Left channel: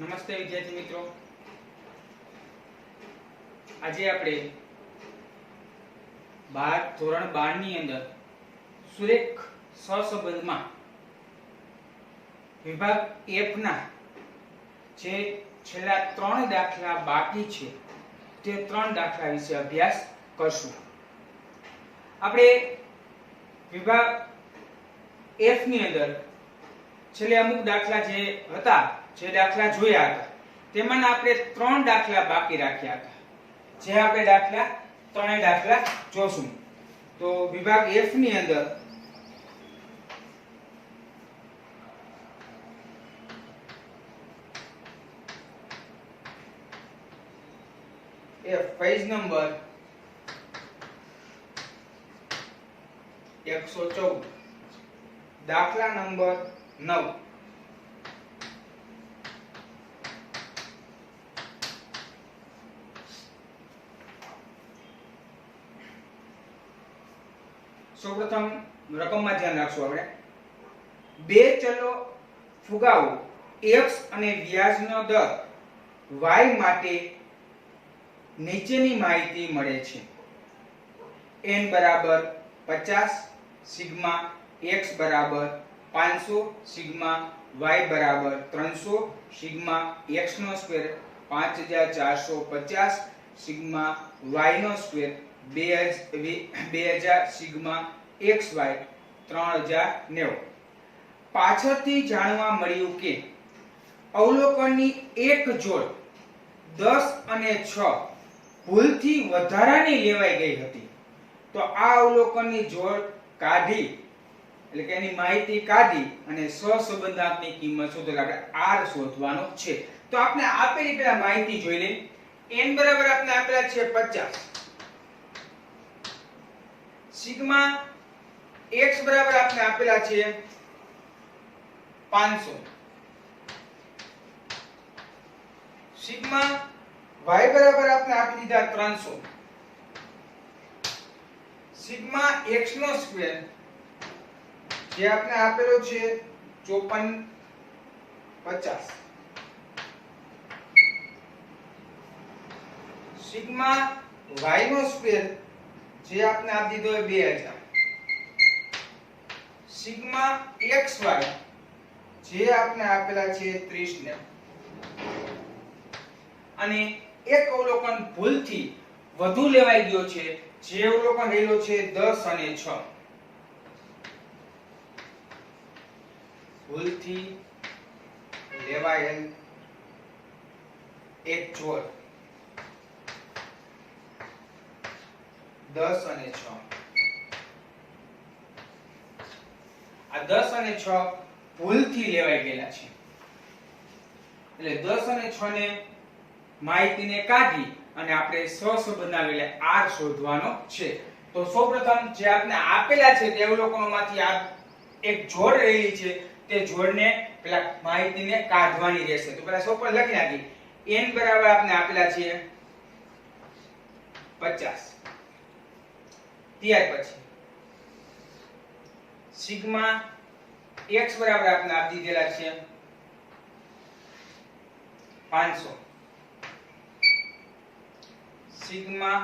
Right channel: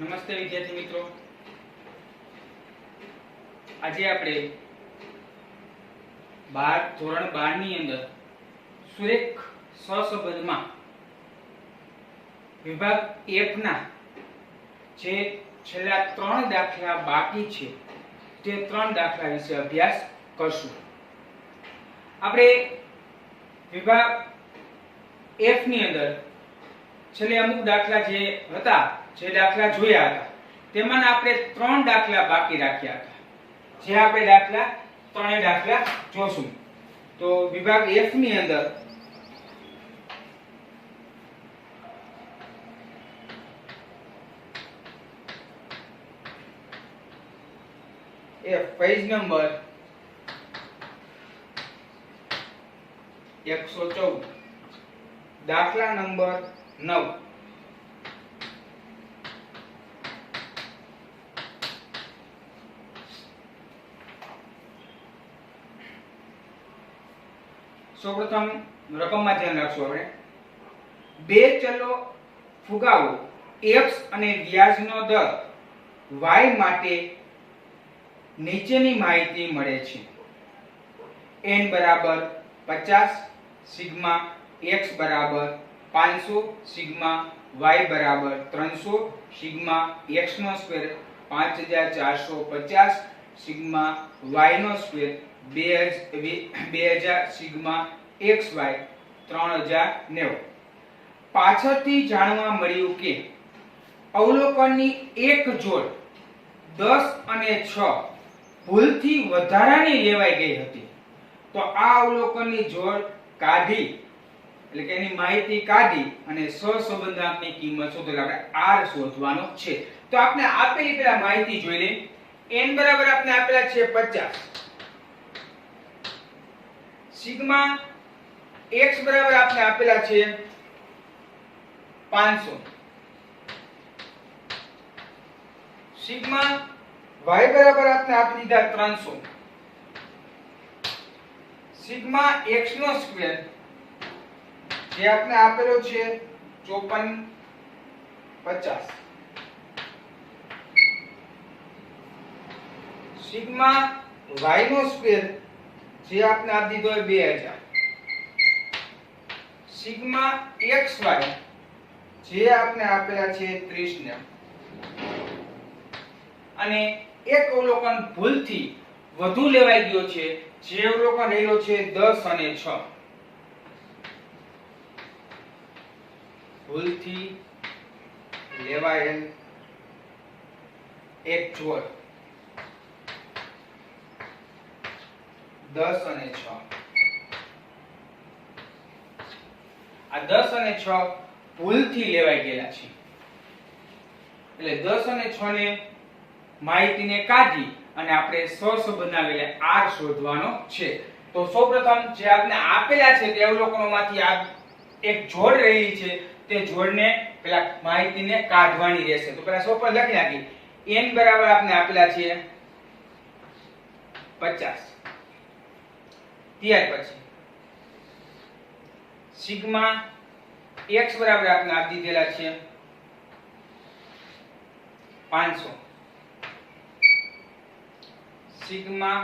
નમસ્તે વિદ્યાર્થી મિત્રો, આજે આપણે ધોરણ 12 ની અંદર સુરેખ સહસંબંધમાં વિભાગ F ના જે છેલ્લા 3 દાખલા બાકી છે તે 3 દાખલા વિશે અભ્યાસ કરશું. આપણે વિભાગ F ની અંદર છેલ્લે અમુક દાખલા જે હતા, જે દાખલા જોયા હતા તેમાં આપણે 3 દાખલા બાકી રાખ્યા હતા. જે આપણે ત્રણેય દાખલા જોશું. તો વિભાગ F ની અંદર પેજ નંબર 114 દાખલા નંબર 9. સૌપ્રથમ રકમમાં ધ્યાન રાખશું. આપણે બે ચલો ફુગાવો x અને વ્યાજનો દર y માટે નીચેની માહિતી મળે છે. n બરાબર 50, સિગ્મા x બરાબર 500, સિગ્મા y બરાબર 300, સિગ્મા x નો સ્ક્વેર 5450, સિગ્મા y નો સ્ક્વેર 2000, સિગ્મા xy 3090. પાછળથી જાણવા મળ્યું કે અવલોકનની એક જોડ 10 અને 6 ભૂલથી વધારાની લેવાઈ ગઈ હતી. તો આ અવલોકનની જોડ કાઢી, એટલે કે એની માહિતી કાઢી અને સહસંબંધાંકની કિંમત શોધો. આપણે r શોધવાનો છે. તો આપણે આપેલી પેલા માહિતી જોઈ લઈએ. n બરાબર આપણે આપેલા છે 50, સિગ્મા x બરાબર આપણે આપેલા છે 500, સિગ્મા y બરાબર આપણે આપી દીધા 300, સિગ્મા x નો સ્ક્વેર જે આપણે આપેલો છે 5450, સિગ્મા y નો સ્ક્વેર જે આપણે આપી દીધો છે 2000, સિગ્મા xy જે આપણે આપેલા છે 3090. અને એક અવલોકન ભૂલથી વધુ લેવાઈ ગયો છે, જે અવલોકન રહેલો છે 10 અને 6. ભૂલથી લેવાયેલ એક જોડ 10 અને 6. આ 10 અને 6 ભૂલથી લેવાઈ ગયેલા છે. એટલે 10 અને 6 ને માહિતીને કાઢી અને આપણે સહસંબંધના વેલે r શોધવાનો છે. તો સૌપ્રથમ જે આપણે આપેલા છે તે અવલોકનોમાંથી આ એક જોડ રહેલી છે, તે જોડને પેલા માહિતીને કાઢવાની રહેશે. તો પહેલા સૌપ્રથમ લખી નાખી. n બરાબર આપણે આપેલા છે 50, ત્યાર પછી સિગ્મા x બરાબર આપણે આપી દીધેલા છે 500, સિગ્મા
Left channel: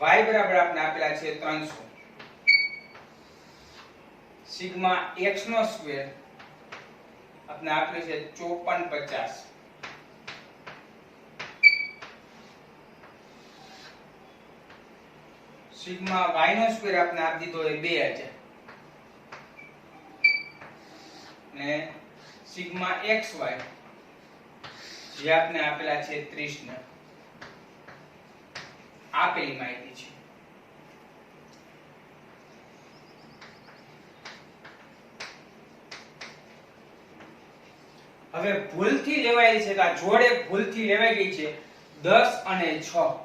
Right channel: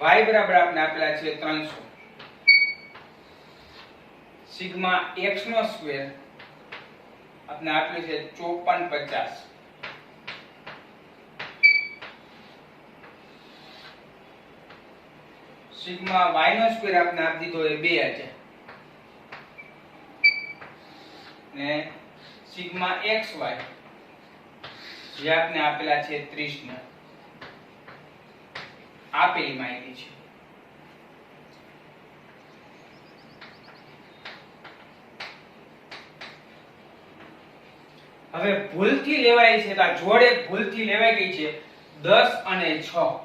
y બરાબર આપણે આપેલા છે 300, સિગ્મા x નો સ્ક્વેર આપણે આપેલું છે 5450, સિગ્મા y નો સ્ક્વેર આપણે આપી દીધો છે 2000 ને સિગ્મા xy જે આપણે આપેલા છે 3090. આપેલી માહિતી છે. હવે ભૂલથી લેવાયેલી છે, તો આ જોડ એક ભૂલથી લેવાઈ ગઈ છે 10 અને 6.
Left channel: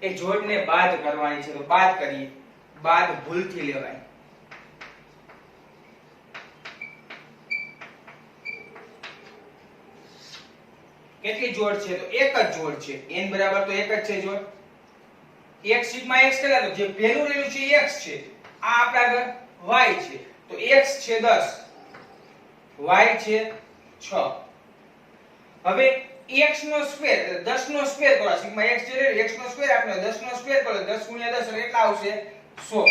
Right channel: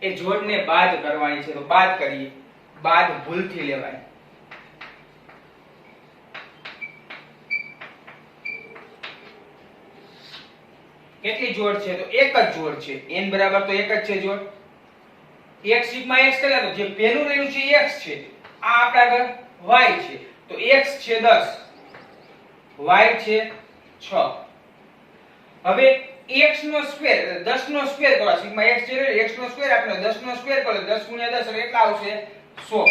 એ જોડને બાદ કરવાની છે. તો બાદ કરીએ. બાદ ભૂલથી લેવાય. કેટલી જોડ છે? તો એક જ જોડ છે. n બરાબર તો એક જ છે જોડ. x સિગ્મા x કેટલા? તો જે પહેલું રહેલું છે x છે, આ આપણા આગળ y છે. તો x છે 10, y છે 6. હવે x નો સ્ક્વેર 10 નો સ્ક્વેર કરો સિગ્મા x છે x નો સ્ક્વેર આપણે 10 નો સ્ક્વેર કરો 10 ગુણ્યા 10 એટલે કેટલા આવશે 100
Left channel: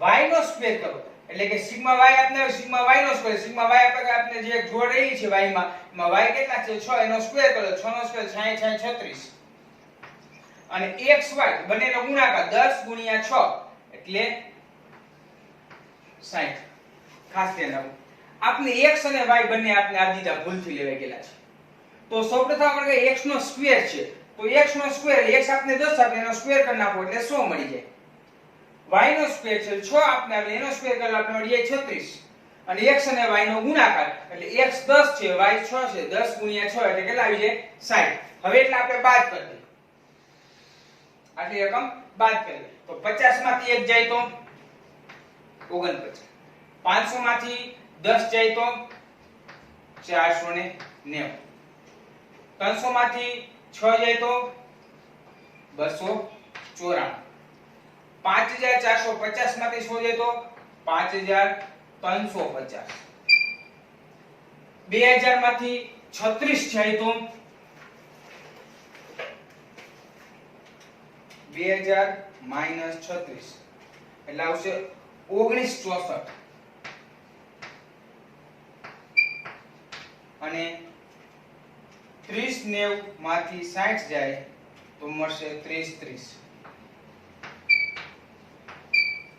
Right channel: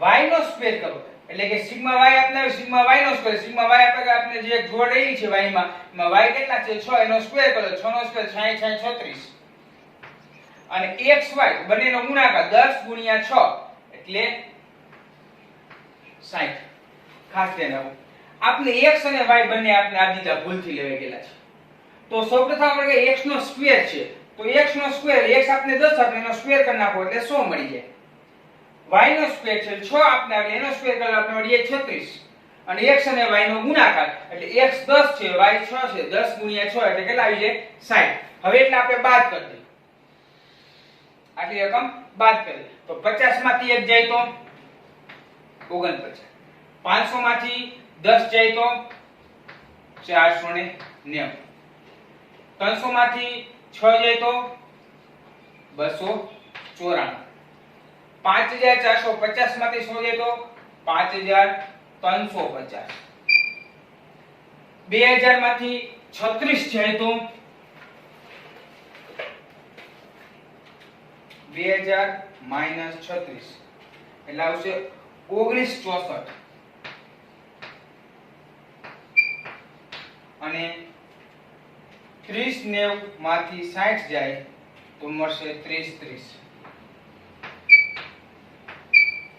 y નો સ્ક્વેર કરો એટલે કે સિગ્મા y આપણે સિગ્મા y નો સ્ક્વેર સિગ્મા y આપણે જે જોડ રહેલી છે y માં એમાં y કેટલા છે 6 એનો સ્ક્વેર કરો 6 નો સ્ક્વેર 60 60 36 અને x y બંનેનો ગુણાકાર 10 ગુણ્યા 6 એટલે 60 ખાસ ધ્યાન રાખો આપણે x અને y બંને આપણે આ દીધા ભૂલથી લેવા ગયેલા છે તો સૌપ્રથમ આપણે કે x નો સ્ક્વેર છે તો x નો સ્ક્વેર x આપણે 10 આપણે એનો સ્ક્વેર કરી નાખો એટલે 100 મળી જાય y નો સ્ક્વેર છે 6 આપણે આવે એનો સ્ક્વેર કરી આપણે મળી જાય 36 અને x અને y નો ગુણાકાર એટલે x 10 છે y 6 છે 10 ગુણ્યા 6 એટલે કેટલા આવી જાય 60 હવે એટલે આપણે બાદ કરી દઈએ આટલી રકમ બાદ કરી તો 50 માંથી 1 જાય તો 49 500 માંથી 10 જાય તો 490 300 માંથી 6 જાય તો 294 5450 માંથી 100 જાય તો 5350 2000 માંથી 36 જાય તો 2000 - 36 એટલે આવશે 1964 અને 3090 માંથી 60 જાય તો મળશે 3030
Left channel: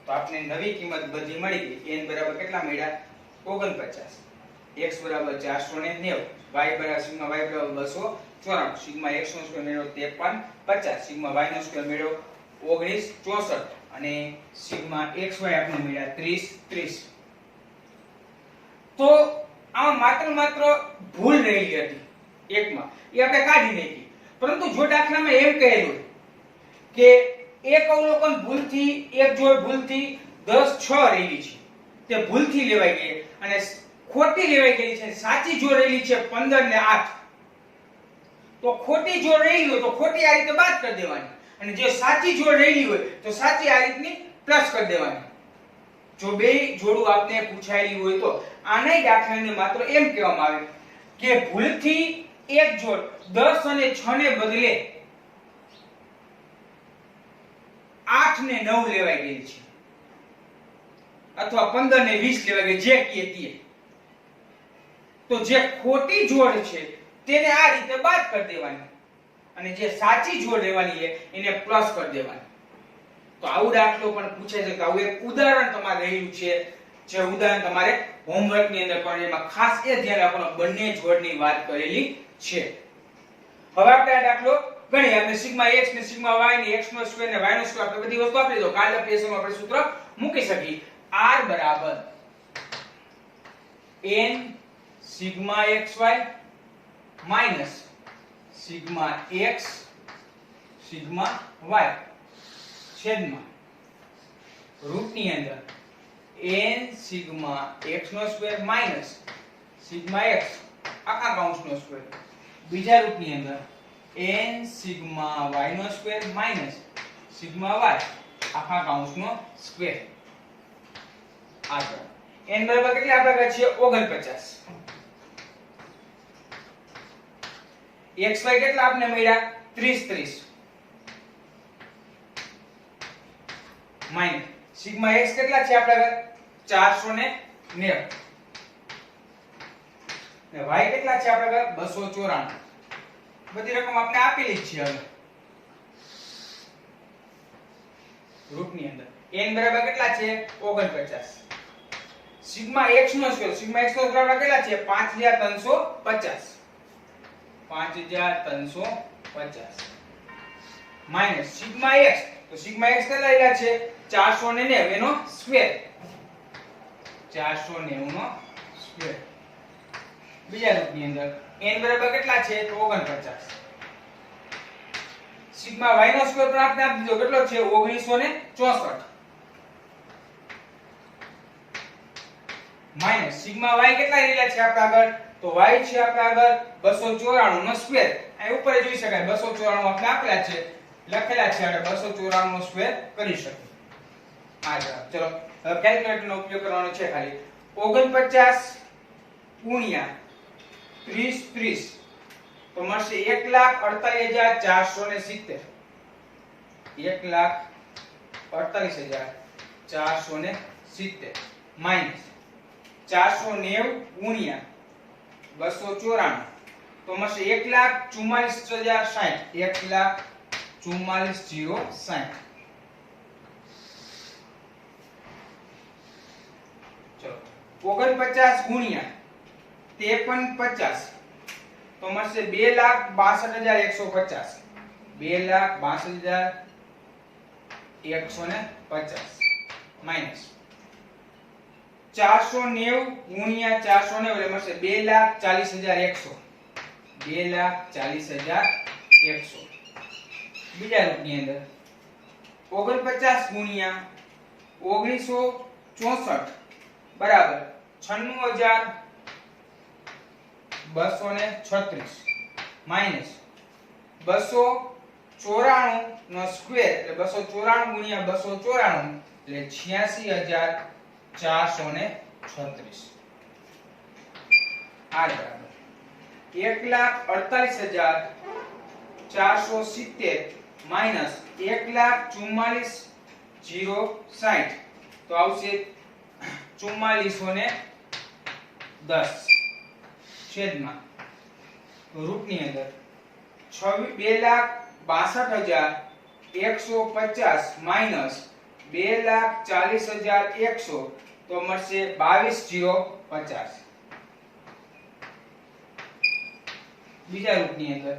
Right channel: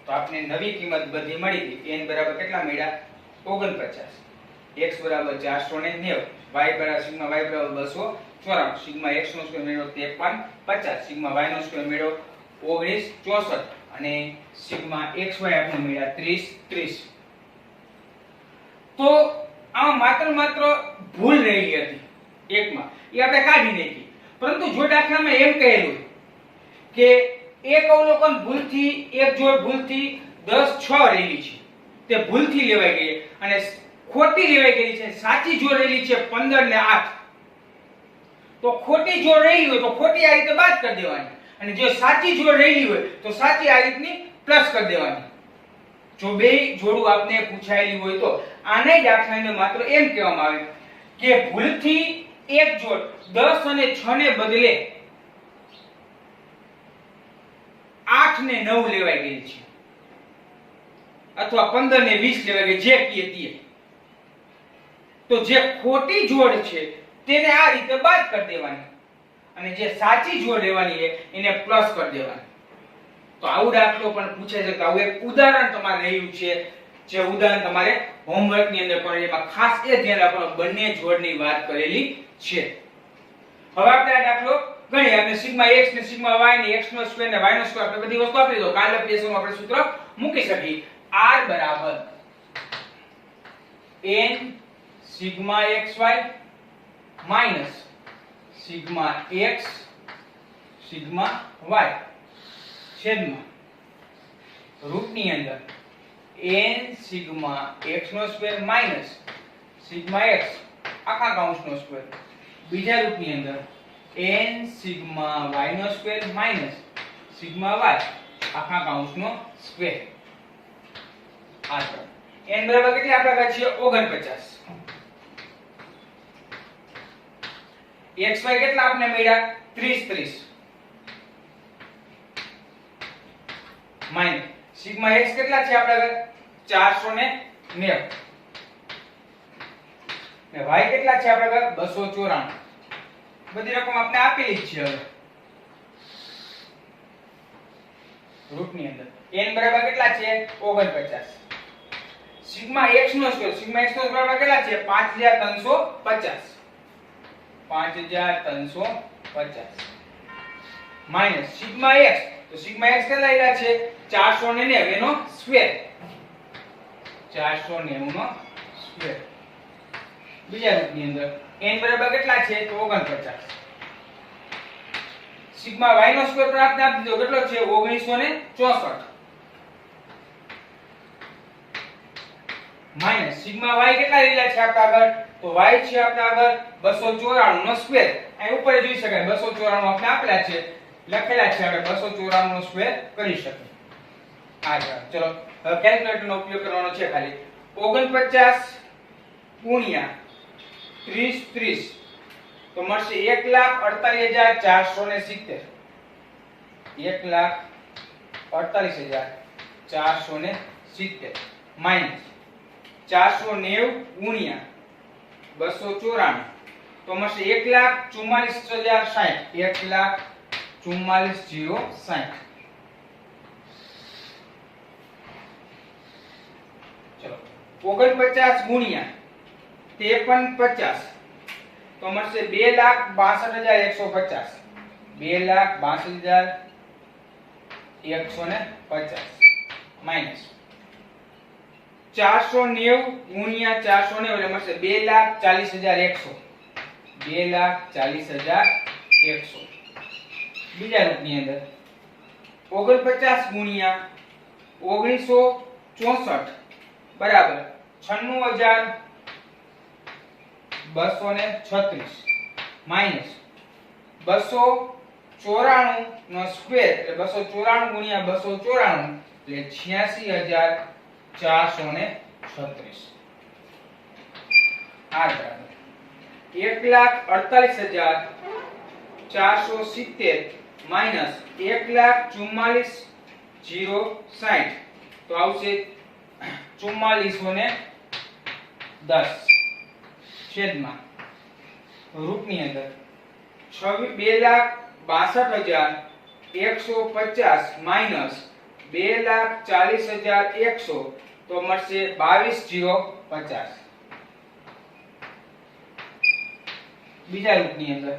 તો આપણે નવી કિંમત બધી મળી ગઈ n બરાબર કેટલા મળ્યા 49 x બરાબર 490 y બરાબર સિગ્મા y બરાબર 294 સિગ્મા x નો સ્ક્વેર મેળવ્યો 5350 સિગ્મા y નો સ્ક્વેર મેળવ્યો 1964 અને સિગ્મા xy આપણે મળ્યા 3030 તો આમાં માત્ર ભૂલ રહેલી હતી એકમાં એ આપણે કાઢી નાખી પરંતુ જો દાખલામાં એમ કહેલું કે એક અવલોકન ભૂલથી એક જોડ ભૂલથી 10 6 રહેલી છે તે ભૂલથી લેવાઈ ગઈ અને ખોટી લેવાઈ ગઈ છે સાચી જોડ રહેલી છે 15 ને 8 તો ખોટી જોડ રહેલી હોય તો ખોટી આ રીતે બાદ કરી દેવાની અને જો સાચી જોડ રહેલી હોય તો સાચી આ રીતની પ્લસ કરી દેવાની જો બે જોડું આપને પૂછાયેલી હોય તો આને દાખલાને માત્ર એમ કહેવામાં આવે કે ભૂલથી એક જોડ 10 અને 6 ને બદલે 8 ને 9 લેવાઈ ગઈ છે અથવા 15 ને 20 લેવાઈ ગઈ જે કીએ તો જે ખોટી જોડ છે તેને આ રીતે બાદ કરી દેવાની અને જે સાચી જોડ લેવાની છે એને પ્લસ કરી દેવાની તો આવું દાખલો પણ પૂછે છે તો આવું એક ઉદાહરણ તમારે રહ્યું છે જે ઉદાહરણ તમારે હોમવર્ક ની અંદર કરવાનું એમાં ખાસ એ ધ્યાન રાખવાનું બંને જોડની વાત કરેલી છે હવે આપણે આ દાખલો ગણીએ આપણે સિગ્મા x ને સિગ્મા y ને x નો સ્ક્વેર ને y નો સ્ક્વેર આપણે બધી વસ્તુ આપી દો કાલે પેસમાં આપણે સૂત્ર મૂકી શકીએ r બરાબર n sigma xy minus sigma x sigma y છેદમાં રૂટની અંદર n સિગ્મા x નો સ્ક્વેર માઈનસ સિગ્મા x આખા કૌંસનો સ્ક્વેર બીજા રૂટની અંદર n સિગ્મા y નો સ્ક્વેર માઈનસ સિગ્મા y આખા કૌંસનો સ્ક્વેર આ છે n બરાબર કેટલી આપણે છીએ 49 xy કેટલા આપણે મળ્યા 30 30 માઈનસ સિગ્મા x કેટલા છે આપણે 490 ને y કેટલા છે આપણે 294 બધી રકમ આપણે આપેલી જ છે હવે રૂટની અંદર n બરાબર કેટલા છે 49 સિગ્મા x નો સ્ક્વેર બરાબર કેટલા છે 5350 5350 માઈનસ સિગ્મા x તો સિગ્મા x કેટલા આવ્યા છે 490 એનો સ્ક્વેર 490 નો સ્ક્વેર બીજા રૂપની અંદર n બરાબર કેટલા છે તો 49 સિગ્મા y નો સ્ક્વેર પણ આપણે આપી દીધો કેટલો છે 1964 માઈનસ સિગ્મા y કેટલા રહેલા છે આપણે આગળ તો y છે આપણે આગળ 294 નો સ્ક્વેર અહીં ઉપર જોઈ શકાય 294 આપણે આપેલા છે લખેલા છે આપણે 294 નો સ્ક્વેર કરી શકીએ આ ચલો હવે કેલ્ક્યુલેટર નો ઉપયોગ કરવાનો છે ખાલી 49 ગુણ્યા 30 30 તો મળશે 1,48,470 1,48,470 માઈનસ 490 ગુણ્યા 294 તો મળશે 1,44,060 1,44,060 ચલો 49 ગુણ્યા 5350 તો મળશે 2,62,150 2,62,150 માઈનસ 490 ગુણ્યા 490 એટલે મળશે 2,40,100 2,40,100 બીજા રૂપની અંદર 49 ગુણ્યા 1964 બરાબર 96,236 માઈનસ 294 નો સ્ક્વેર એટલે 294 ગુણ્યા 294 એટલે 86,436 આ બરાબર 1,48,470 માઈનસ 1,44,060 તો આવશે 4410 છેદમાં રૂપની અંદર 2,62,150 માઈનસ 2,40,100 તો મળશે 22,050 બીજા રૂપની અંદર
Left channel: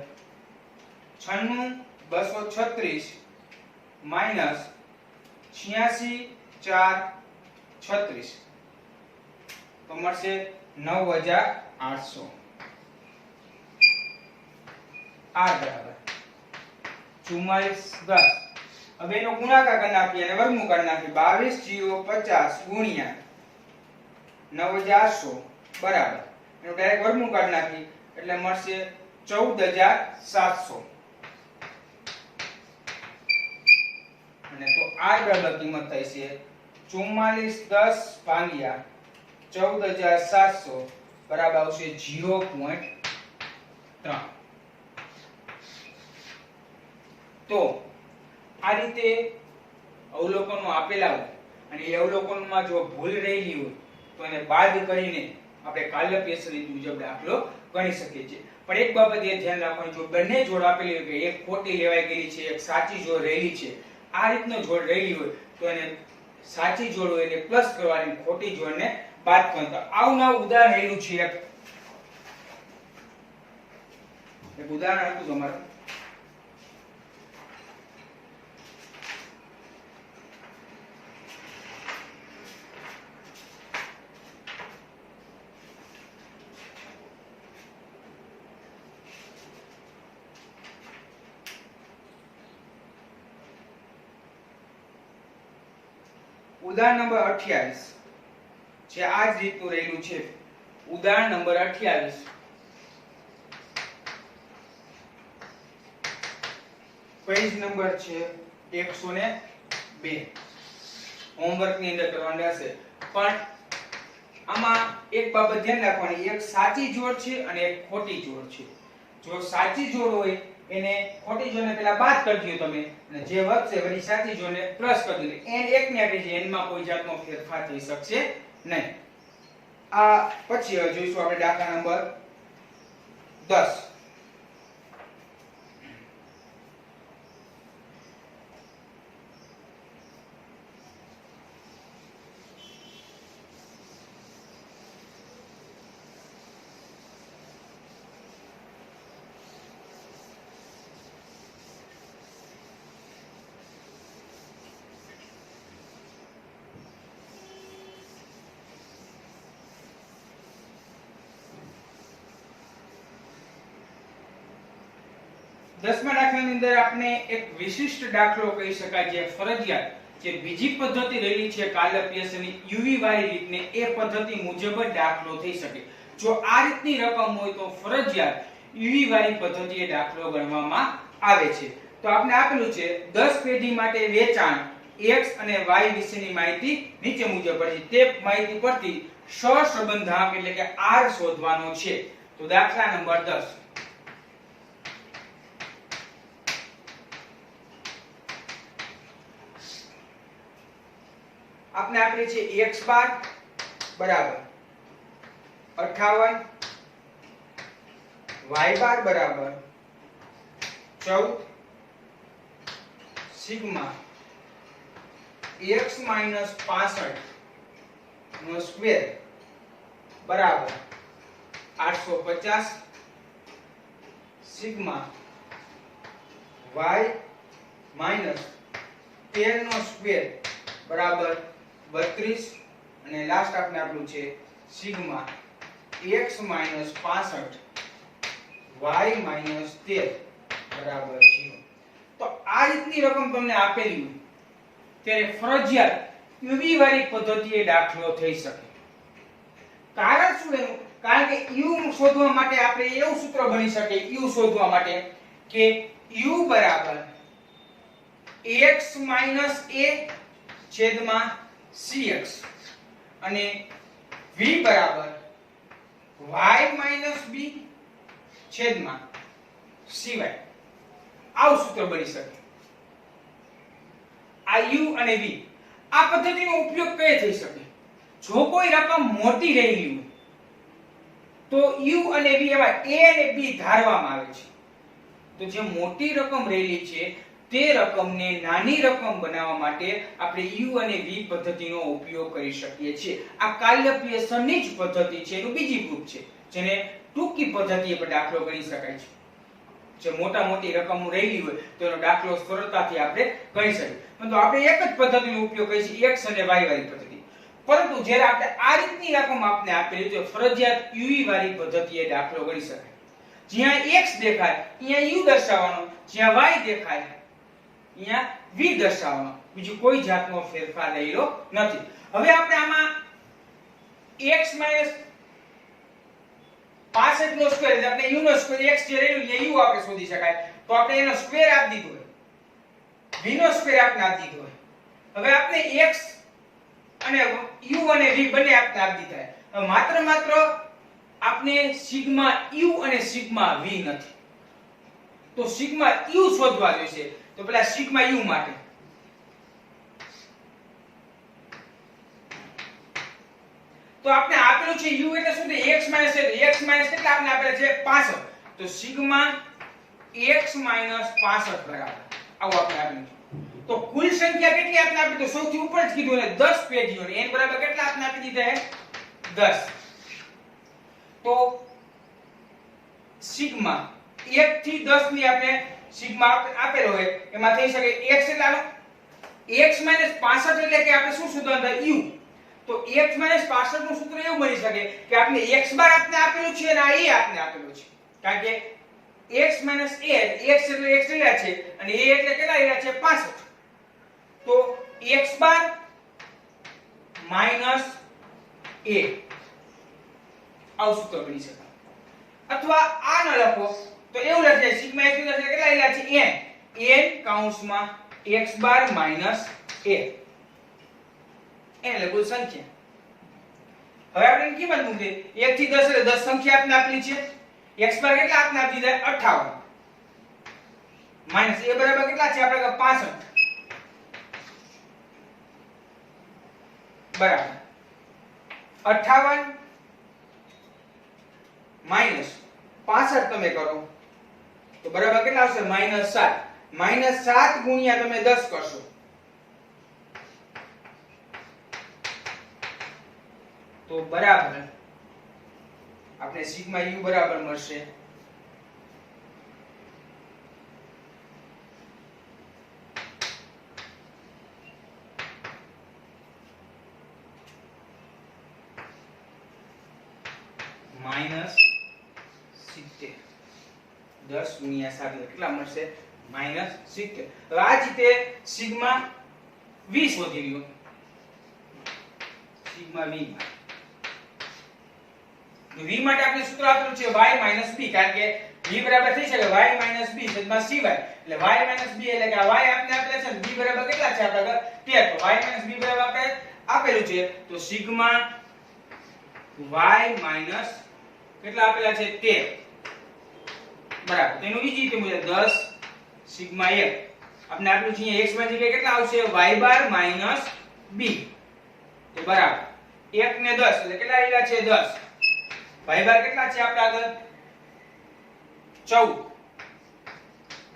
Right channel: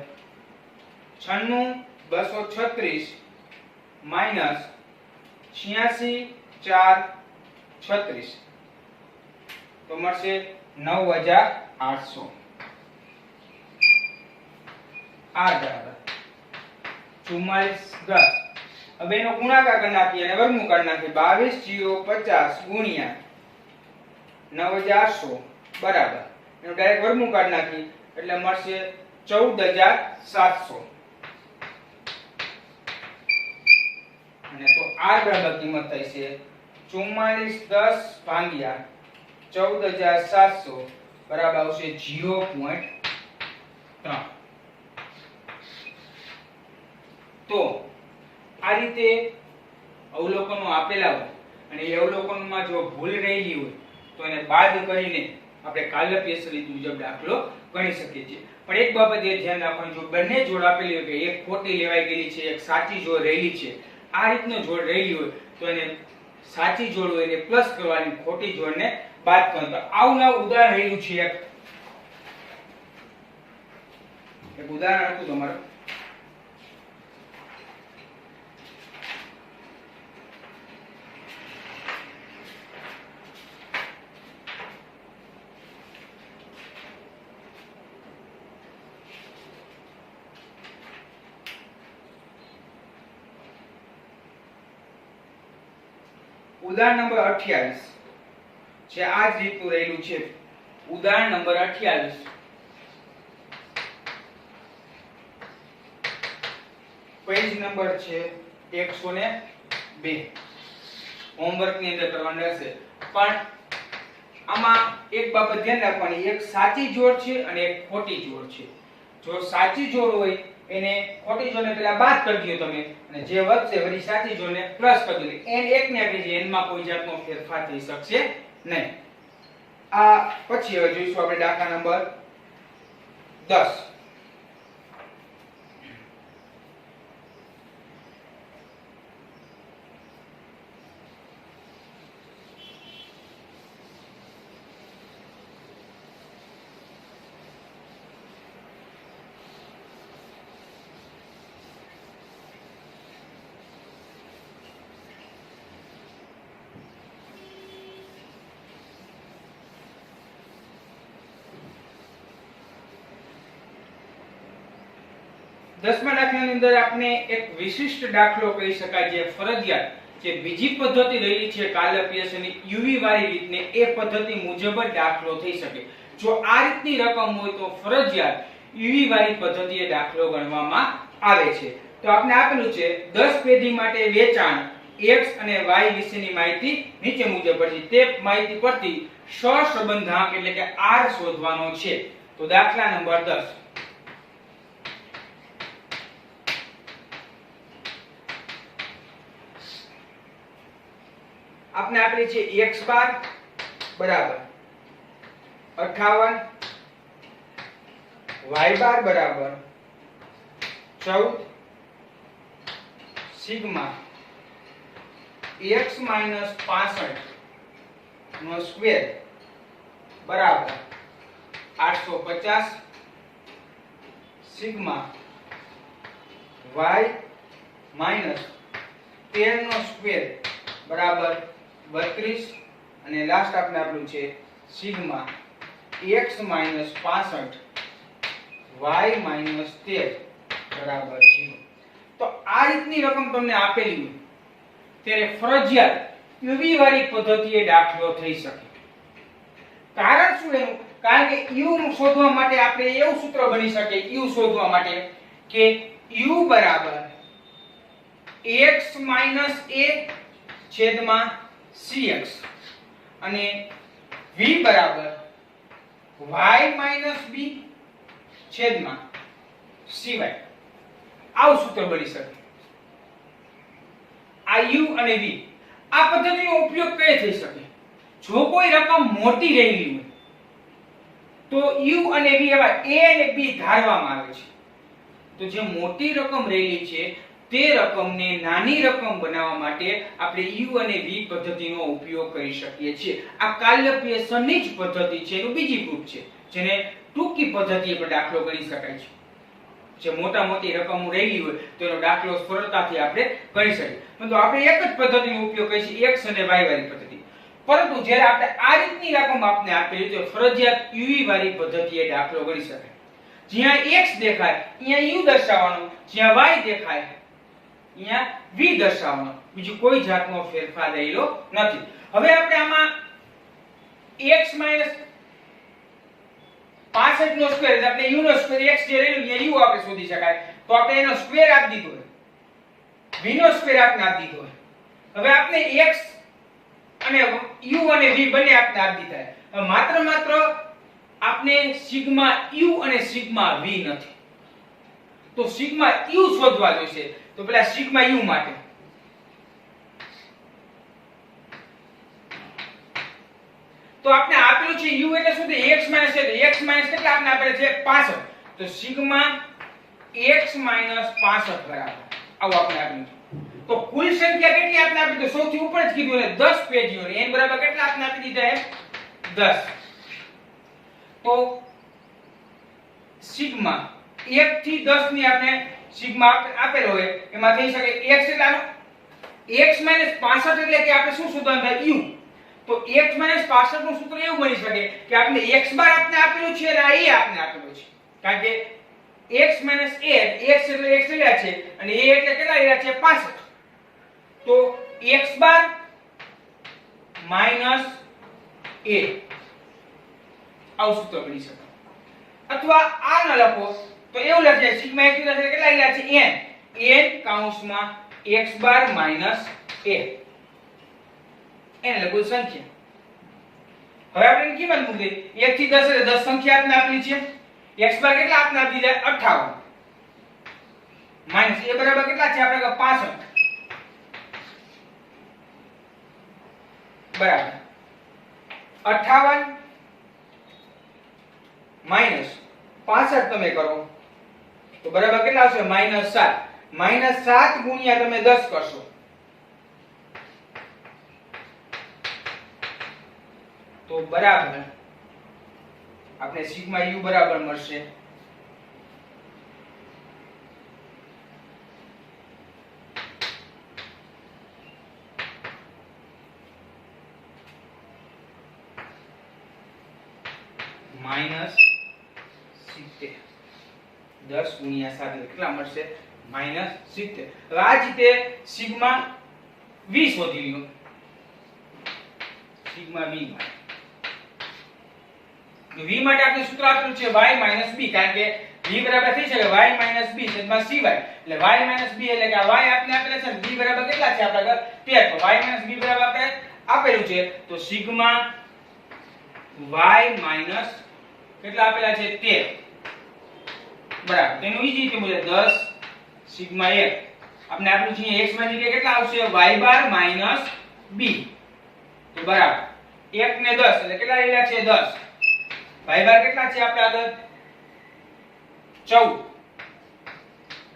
96,236 માઈનસ 86,436 તો મળશે 9,800 આ બરાબર 4410 હવે એનો ગુણાકાર કરી નાખીએ અને વર્ગમૂળ કરી નાખીએ 22,050 ગુણ્યા 9,800 બરાબર એનો ડાયરેક્ટ વર્ગમૂળ કરી નાખી એટલે મળશે 14,700 અને તો r બરાબર કિંમત થાય છે 4410 ભાગ્યા 14,700 બરાબર આવશે 0.3 તો આ રીતે અવલોકનો આપેલા હોય અને એ અવલોકનમાં જો ભૂલ રહેલી હોય તો એને બાદ કરીને આપણે કાલપેશ રીત મુજબ દાખલો ગણી શકીએ છીએ પણ એક બાબત એ ધ્યાન રાખવાનું જો બંને જોડ આપેલી હોય કે એક ખોટી લેવાઈ ગયેલી છે એક સાચી જોડ રહેલી છે આ રીતનો જોડ રહેલી હોય તો એને સાચી જોડ હોય એટલે પ્લસ કરવાની ખોટી જોડને બાદ કરતા આવું ઉદાહરણ રહેલું છે એક ઉદાહરણ હતું તમારું ઉદાહરણ નંબર 28 છે આ જ રીતનું રહેલું છે ઉદાહરણ નંબર 28 પેજ નંબર છે 102 હોમવર્ક ની અંદર કરવાનું હશે પણ આમાં એક બાબત ધ્યાન રાખવાની એક સાચી જોડ છે અને એક ખોટી જોડ છે જો સાચી જોડ હોય એને ખોટી જોડને પહેલા બાદ કરી દો તમે અને જે વધશે વળી સાચી જોડને પ્લસ કરી દો n એક ને આપે છે n માં કોઈ જાતનો ફેરફાર થઈ શકશે નહીં આ પછી હવે જોઈશું આપણે દાખલા નંબર 10 10મા દાખલાની અંદર આપણે એક વિશિષ્ટ દાખલો કહી શકાય જે ફરજિયાત જે બીજી પદ્ધતિ રહેલી છે કાલપેશની યુવી વાળી રીતને એ પદ્ધતિ મુજબ જ દાખલો થઈ શકે જો આ રીતની રકમ હોય તો ફરજિયાત યુવી વાળી પદ્ધતિએ દાખલો ગણવામાં આવે છે તો આપણે આપેલું છે 10 પેઢી માટે વેચાણ x અને y વિશેની માહિતી નીચે મુજબ છે તે માહિતી પરથી સહસંબંધાંક એટલે કે r શોધવાનો છે તો દાખલા નંબર 10 આપણે આપેલી છે x બાર બરાબર 58, y બાર બરાબર 14, સિગ્મા x માઈનસ 65 નો સ્ક્વેર બરાબર 850, સિગ્મા y માઈનસ 13 નો સ્ક્વેર બરાબર 32 અને લાસ્ટ આપણે આપ્યું છે sigma x minus 65 y minus 13 બરાબર 0. તો આ રીતની રકમ તમને આપેલી હોય ત્યારે ફરજિયાત યુવી વાળી પદ્ધતિએ દાખલો થઈ શકે. કારણ શું એનું? કારણ કે u શોધવા માટે આપણે એવું સૂત્ર બની શકે u શોધવા માટે કે u બરાબર x માઈનસ a છેદમાં cx અને v બરાબર y માઈનસ b છેદમાં cy. આવું સૂત્ર બની શકે. આ u અને v આ પદ્ધતિનો ઉપયોગ કઈ થઈ શકે? જો કોઈ રકમ મોટી રહેલી હોય તો u અને v એવા a અને b ધારવામાં આવે છે. તો જે મોટી રકમ રહેલી છે તે રકમને નાની રકમ બનાવવા માટે આપણે u અને v પદ્ધતિનો ઉપયોગ કરી શકીએ છીએ. આ કાલ્યપ્રિયસનની જ પદ્ધતિ છે, એનું બીજી ગ્રુપ છે જેને ટૂંકી પદ્ધતિ પર દાખલો કરી શકાય છે. જે મોટા મોટી રકમ રહેલી હોય તો એનો દાખલો સરળતાથી આપણે કરી શકીએ. પરંતુ આપણે એક જ પદ્ધતિનો ઉપયોગ કરીશું, x અને y વાળી પદ્ધતિ. પરંતુ જ્યારે આપણે આ રીતની રકમ આપને આપેલી તો ફરજિયાત uv વાળી પદ્ધતિએ દાખલો કરી શકાય. જ્યાં x દેખાય અહીંયા u દર્શાવવાનો, જ્યાં y દેખાય અહીંયા v દર્શાવવાનો. બીજું કોઈ જાતનો ફેરફાર રહેલો નથી. હવે આપણે આમાં x 65 નો સ્ક્વેર એટલે આપણે u નો સ્ક્વેર x જે રહેલું અહીંયા u આપણે શોધી શકાય. તો આપણે એનો સ્ક્વેર આપી દીધો હોય, v નો સ્ક્વેર આપણે આપી દીધો હોય. હવે આપણે x અને u અને v બંને આપણે આપી દીધા. હવે માત્ર આપણે સિગ્મા u અને સિગ્મા v નથી. તો સિગ્મા u શોધવા જોઈશે. તો પેલા સિગ્મા u માટે તો આપણે આપેલું છે u એટલે શું? x માઈનસ એટલે x માઈનસ કેટલા આપણે આપેલ છે 65. તો સિગ્મા x માઈનસ 65 બરાબર આવું આપણે આપેલું છે. તો કુલ સંખ્યા કેટલી આપણે આપી? તો સૌથી ઉપર જ કીધું ને 10 પેજીઓ ને n બરાબર કેટલા આપણે આપી દીધા છે 10. તો સિગ્મા 1 થી 10 ની આપણે સિગ્મા આપેલો હોય એમાં થઈ શકે x એટલે x 65 એટલે કે આપણે શું શોધવાનું થાય u. તો x 65 નું સૂત્ર એવું બની શકે કે આપણે x બાર આપણે આપેલું છે અને આ a આપણે આપેલું છે. કારણ કે x a x એટલે x રહ્યા છે અને a એટલે કેટલા રહ્યા છે 65. તો x બાર માઈનસ a આવું સૂત્ર બની શકે. અથવા આ ન લખો તો એવું લખીએ સિગ્મા x એટલે કેટલા રહ્યા છે n કૌંસમાં x બાર માઈનસ a એટલે કોઈ સંખ્યા. હવે આપણે કિંમત મૂકી 1 થી 10 એટલે 10 સંખ્યા આપણે આપેલી છે. x બાર કેટલા આપણે આપી દીધા 58 માઈનસ a બરાબર કેટલા છે આપણે 65 બરાબર 58 માઈનસ 65 તમે કરો તો બરાબર કેટલા આવશે -7. -7 ગુણ્યા તમે 10 કરશો તો બરાબર આપણે સિગ્મા u બરાબર મળશે -70. 10 ગુણ્યા 7 કેટલા મળશે -70. હવે આ રીતે સિગ્મા v શોધી લ્યો. સિગ્મા v માટે આપણે સૂત્ર આપેલું છે y b કારણ કે v બરાબર થઈ શકે y b છેદમાં cy એટલે y b એટલે કે આ y આપણે આપેલા છે v બરાબર કેટલા છે આપણે 13 તો y b બરાબર આપણે આપેલું છે તો સિગ્મા y કેટલા આપેલા છે 13 બરાબર તેનું બીજી રીતે મુજબ 10 સિગ્મા 1 આપણે આપેલું છે x ની જગ્યાએ કેટલા આવશે y બાર b તો બરાબર 1 ને 10 એટલે કેટલા રહેલા છે 10 ભાઈબાર કેટલા છે આપડા આગળ 14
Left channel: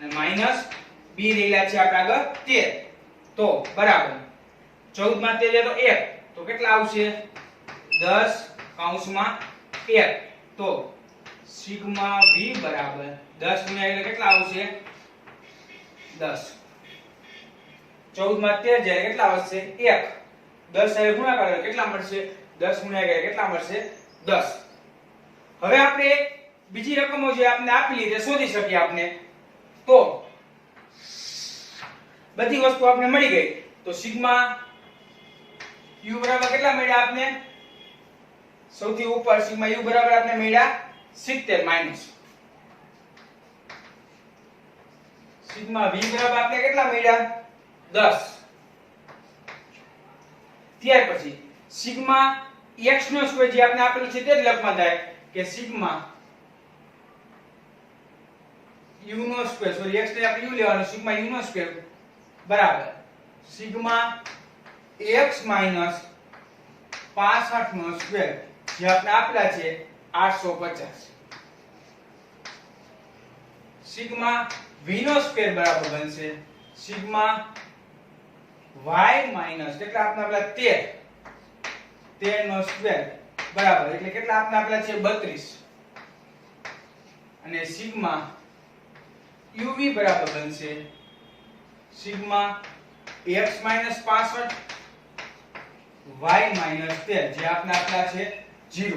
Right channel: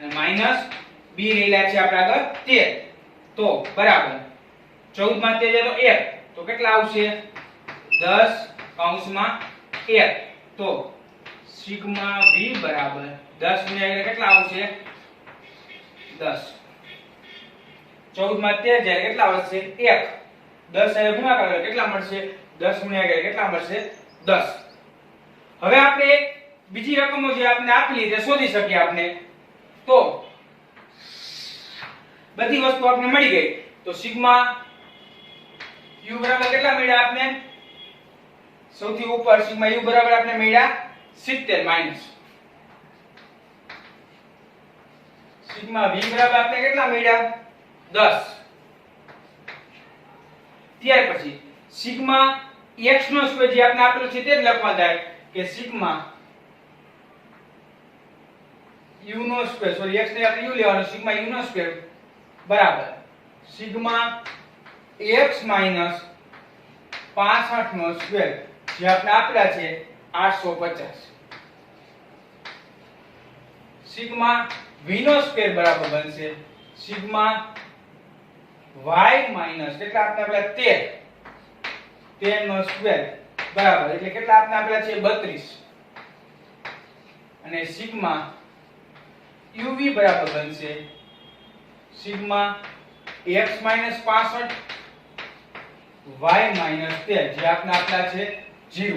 અને માઈનસ b રહેલા છે આપડા આગળ 13 તો બરાબર 14 માં 13 તો 1 તો કેટલા આવશે 10 કૌંસમાં 1 તો સિગ્મા v બરાબર 10 ગુણ્યા 1 કેટલા આવશે 10 14 માં 13 જાય કેટલા આવશે 1 10 સાથે ગુણાકાર કરે કેટલા મળશે 10 ગુણ્યા 1 કેટલા મળશે 10 હવે આપણે બીજી રકમો જે આપણે આપેલી તે શોધી શકીએ આપણે તો બધી વસ્તુ આપણે મળી ગઈ તો સિગ્મા u બરાબર કેટલા મળ્યા આપને સૌથી ઉપર સિગ્મા u બરાબર આપને મળ્યા 70 માઈનસ સિગ્મા v બરાબર આપણે કેટલા મળ્યા 10 ત્યાર પછી સિગ્મા x નો સ્ક્વેર જે આપણે આપેલું છે તે જ લખવા જાય કે સિગ્મા u નો સ્ક્વેર સોરી x ને આપણે u લેવાનો સિગ્મા u નો સ્ક્વેર બરાબર સિગ્મા x માઈનસ 65 નો સ્ક્વેર જે આપણે આપેલા છે 850 સિગ્મા v નો સ્ક્વેર બરાબર બનશે સિગ્મા y માઈનસ કેટલા આપણે આપેલા 13 નો સ્ક્વેર બરાબર એટલે કેટલા આપણે આપેલા છે 32 અને સિગ્મા uv બરાબર બનશે sigma x minus 65 y minus 13 જે આપણે આપેલા છે 0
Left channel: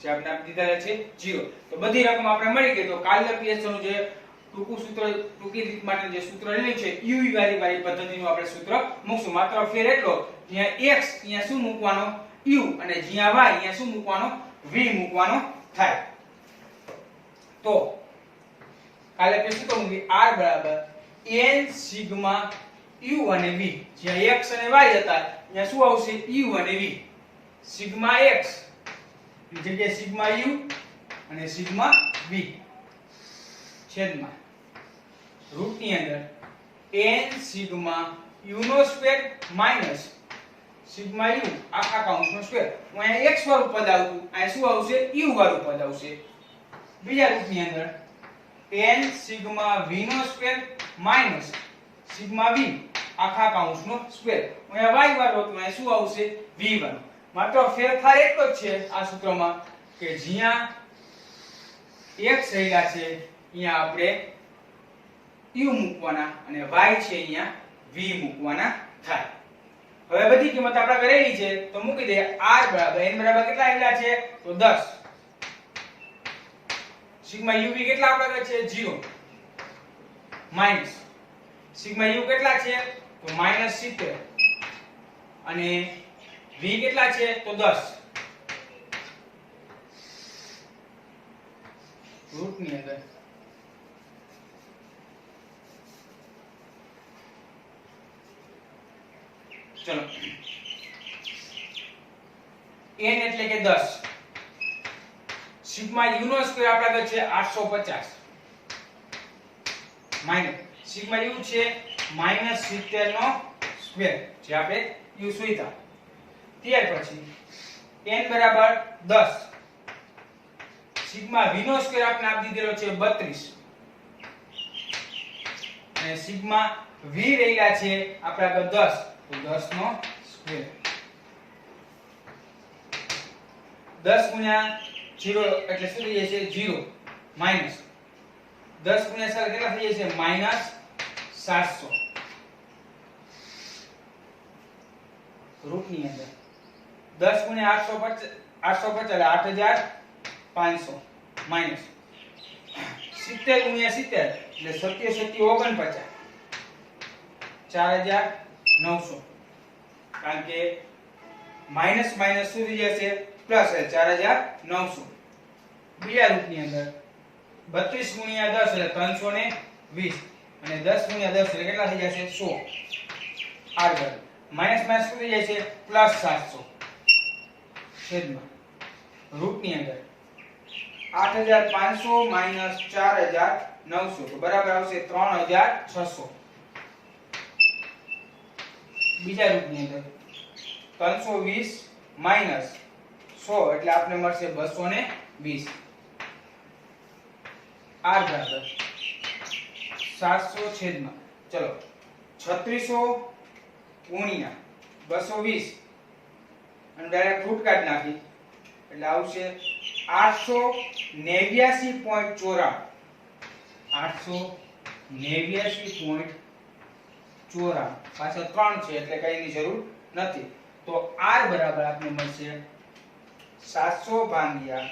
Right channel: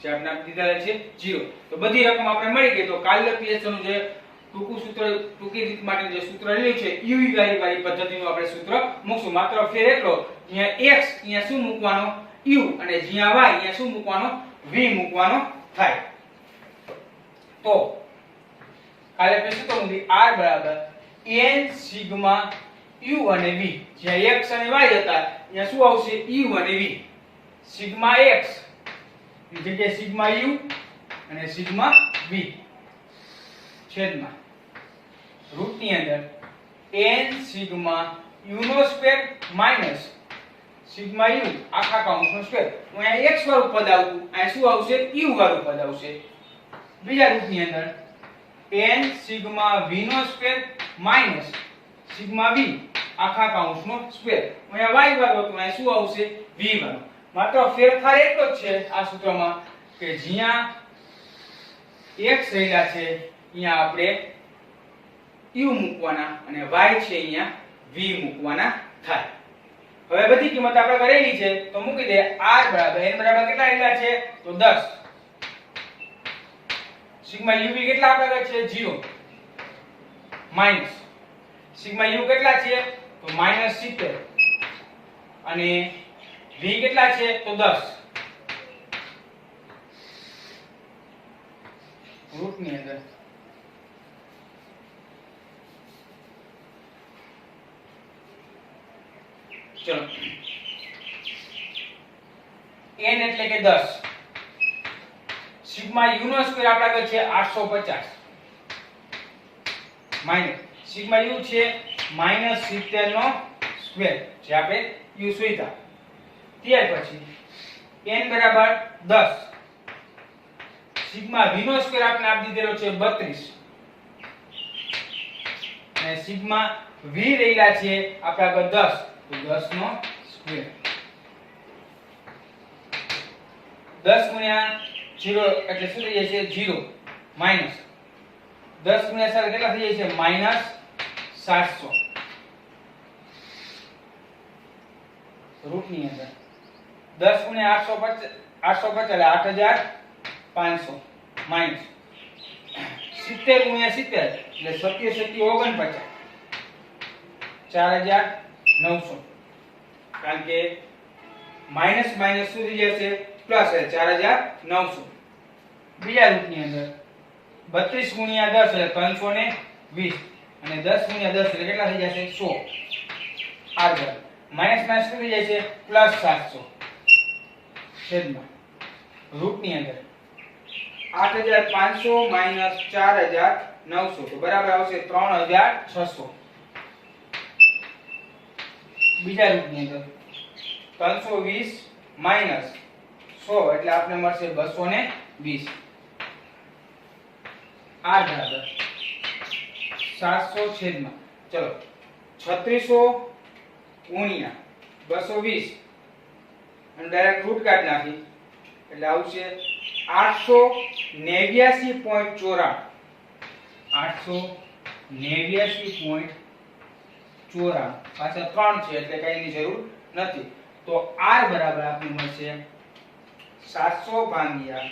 જે આપણે આપી દીધા છે 0 તો બધી રકમ આપણે મળી ગઈ તો કાર્ય પીએચ નું જે ટૂંકું સૂત્ર ટૂંકી રીત માટે જે સૂત્ર લીધું છે uv વાળી પદ્ધતિનું આપણે સૂત્ર મૂકશું માત્ર ફેર એટલો અહીંયા x અહીંયા શું મૂકવાનો u અને જ્યાં y અહીંયા શું મૂકવાનો v મૂકવાનો થાય તો કાલે આપણે શું કરવું r બરાબર n સિગ્મા u અને v જ્યાં x અને y હતા અહીંયા શું આવશે u અને v સિગ્મા x ની જગ્યાએ સિગ્મા u અને સિગ્મા v છેદમાં રૂટ ની અંદર n સિગ્મા u નો સ્ક્વેર માઈનસ સિગ્મા u આખા કૌંસનો સ્ક્વેર હું અહીંયા x વાળું પદ આવતું અહીં શું આવશે u વાળું પદ આવશે બીજા રૂટ ની અંદર n સિગ્મા v નો સ્ક્વેર માઈનસ સિગ્મા v આખા કૌંસનો સ્ક્વેર હું અહીંયા y વાળું હતું અહીં શું આવશે v વાળું માત્ર ફેરફાર એટલો જ છે આ સૂત્રમાં કે જ્યાં x રહેલા છે અહીંયા આપણે u મૂકવાના અને y છે અહીંયા v મૂકવાના થાય હવે બધી કિંમત આપણે કરેલી છે તો મૂકી દે r બરાબર n બરાબર કેટલા રહેલા છે તો 10 સિગ્મા uv કેટલા આપણે છે 0 માઈનસ સિગ્મા u કેટલા છે તો -70 અને v કેટલા છે તો 10 રૂટ ની અંદર ચલો n એટલે કે 10 સિગ્મા u નો સ્ક્વેર આપણા આગળ છે 850 માઈનસ સિગ્મા u છે -70 નો સ્ક્વેર જે આપણે u શોધ્યા ત્યાર પછી n બરાબર 10 સિગ્મા v નો સ્ક્વેર આપણે આપી દીધેલો છે 32 અને સિગ્મા v રહેલા છે આપણા આગળ 10 તો 10 નો સ્ક્વેર 10 ગુણ્યા 0 એટલે શું થઈ જાય છે 0 માઈનસ 10 ગુણ્યા 7 કેટલા થઈ જાય છે -700 રૂટ ની અંદર 10 ગુણ્યા 850 એટલે 8500 માઈનસ 70 ગુણ્યા 70 એટલે 77 49 કારણ કે માઈનસ માઈનસ શું થઈ જશે પ્લસ એટલે 4900 બીજા રૂટ ની અંદર 32 ગુણ્યા 10 એટલે 320 અને 10 ગુણ્યા 10 એટલે કેટલા થઈ જશે 100 આગળ માઈનસ માઈનસ શું થઈ જાય છે પ્લસ 700 છેદમાં રૂટ ની અંદર 8500 માઈનસ 4900 તો બરાબર આવશે 3600 બીજા રૂટ ની અંદર 320 માઈનસ 100 એટલે આપણે મળશે 220 r બરાબર 700 છેદમાં ચલો 3600 ગુણ્યા 220 અને ડાયરેક્ટ રૂટ કાઢ નાખી એટલે આવશે 889.94 889.94 પાછા 3 છે એટલે કઈની જરૂર નથી તો r બરાબર આપણને મળશે 700 ભાગ્યા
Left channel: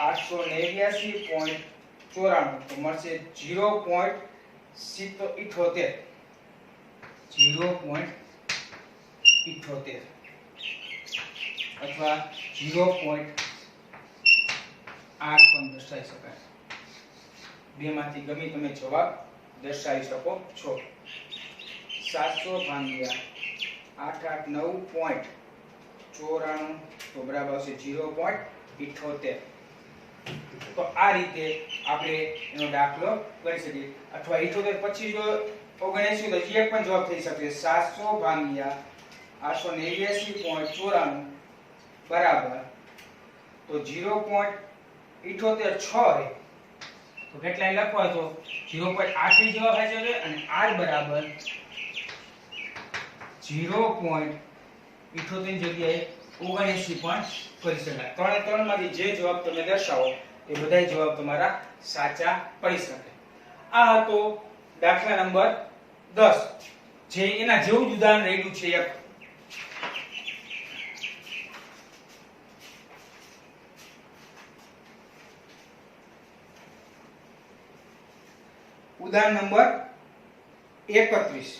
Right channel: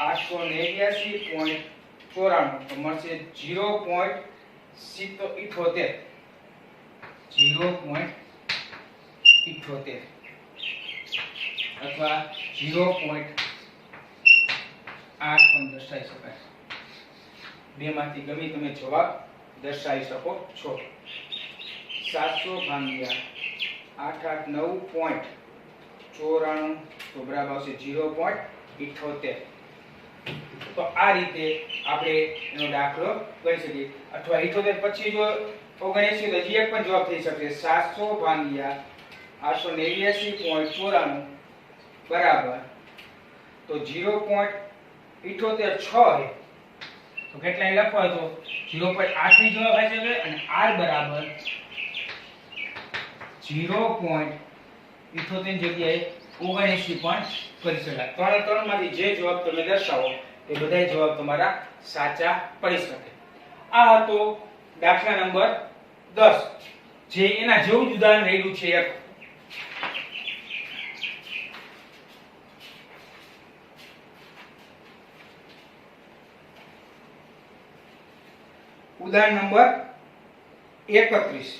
889.94 તો મળશે 0.78 0.78 અથવા 0.8 પણ દર્શાવી શકાય બેમાંથી ગમે તમે જવાબ દર્શાવી શકો છો 700 ભાગ્યા 889.94 તો બરાબર આવશે 0.78 તો આ રીતે આપણે એનો દાખલો કરી શકીએ અથવા 78 પછી જો 79 તો હજી એક પણ જવાબ થઈ શકે 700 ભાગ્યા 889.94 બરાબર તો 0.78 6 તો કેટલા લખવા હોય તો 0.8 ની જવાબ આવી શકે અને r બરાબર 0.78 ની જગ્યાએ 79 પણ કરી શકાય ત્રણે ત્રણમાંથી જે જવાબ તમે દર્શાવો એ બધા જવાબ તમારા સાચા પડી શકે આ હતો દાખલા નંબર 10 જે એના જેવું જ ઉદાહરણ રહેલું છે એક ઉદાહરણ નંબર 31